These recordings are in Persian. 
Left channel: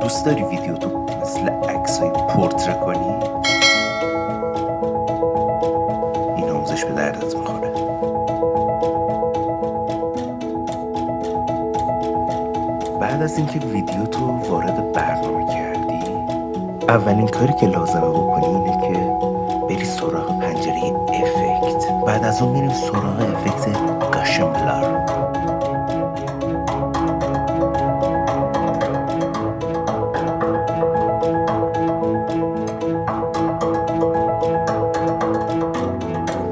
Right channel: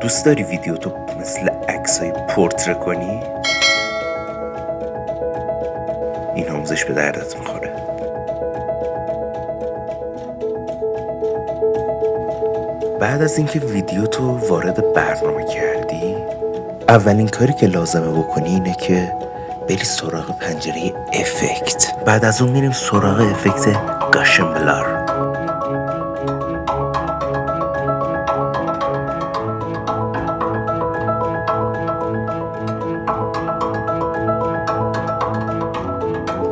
دوست داری ویدیو تو مثل عکسای پرتره کنی؟ این آموزش به دردت میخوره. بعد از اینکه ویدیو تو وارد برنامه کردی، اولین کاری که لازمه بکنی اینه که بری سراغ پنجره افکت. بعد از اون میریم سراغ افکت Gaussian Blur.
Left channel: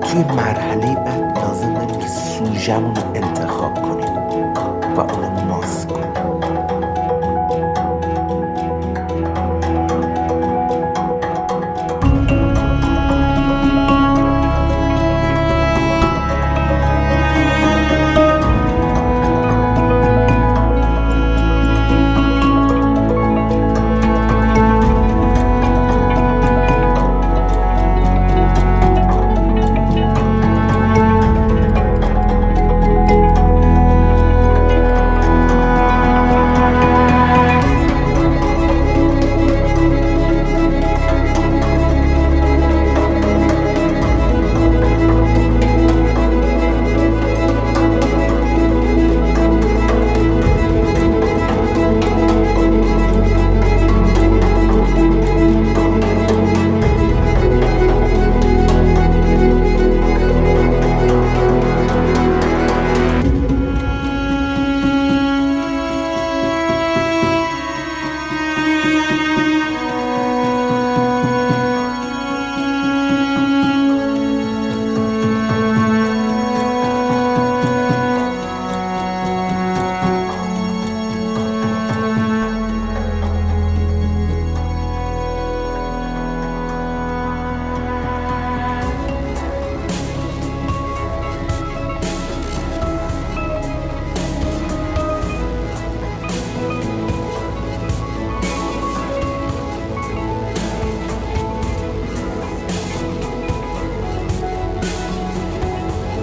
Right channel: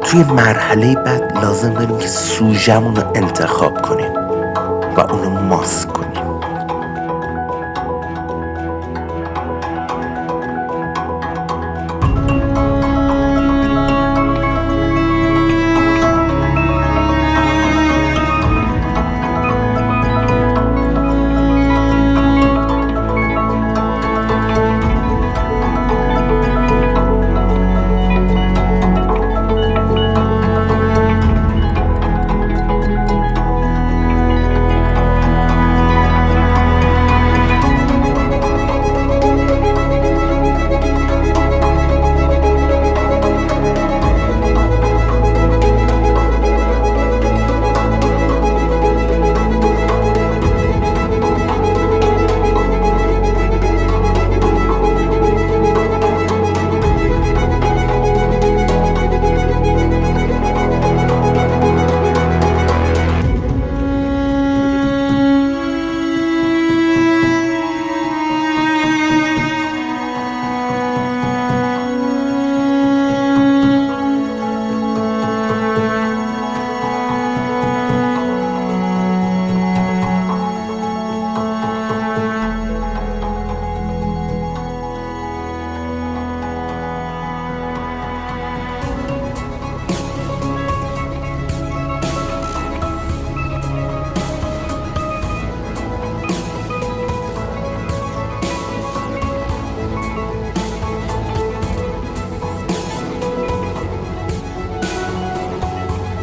توی مرحله بعد لازم داریم که سوژه‌مون رو انتخاب کنیم و اونو ماسک کنیم.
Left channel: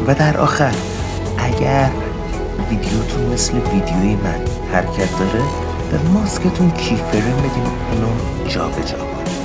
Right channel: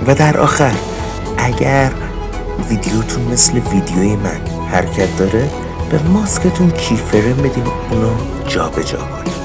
و در آخر اگر ویدیوتون مثل ویدیوی من حرکت داره، به ماسکتون کیفرین بدین، اونو جا به جا کنید.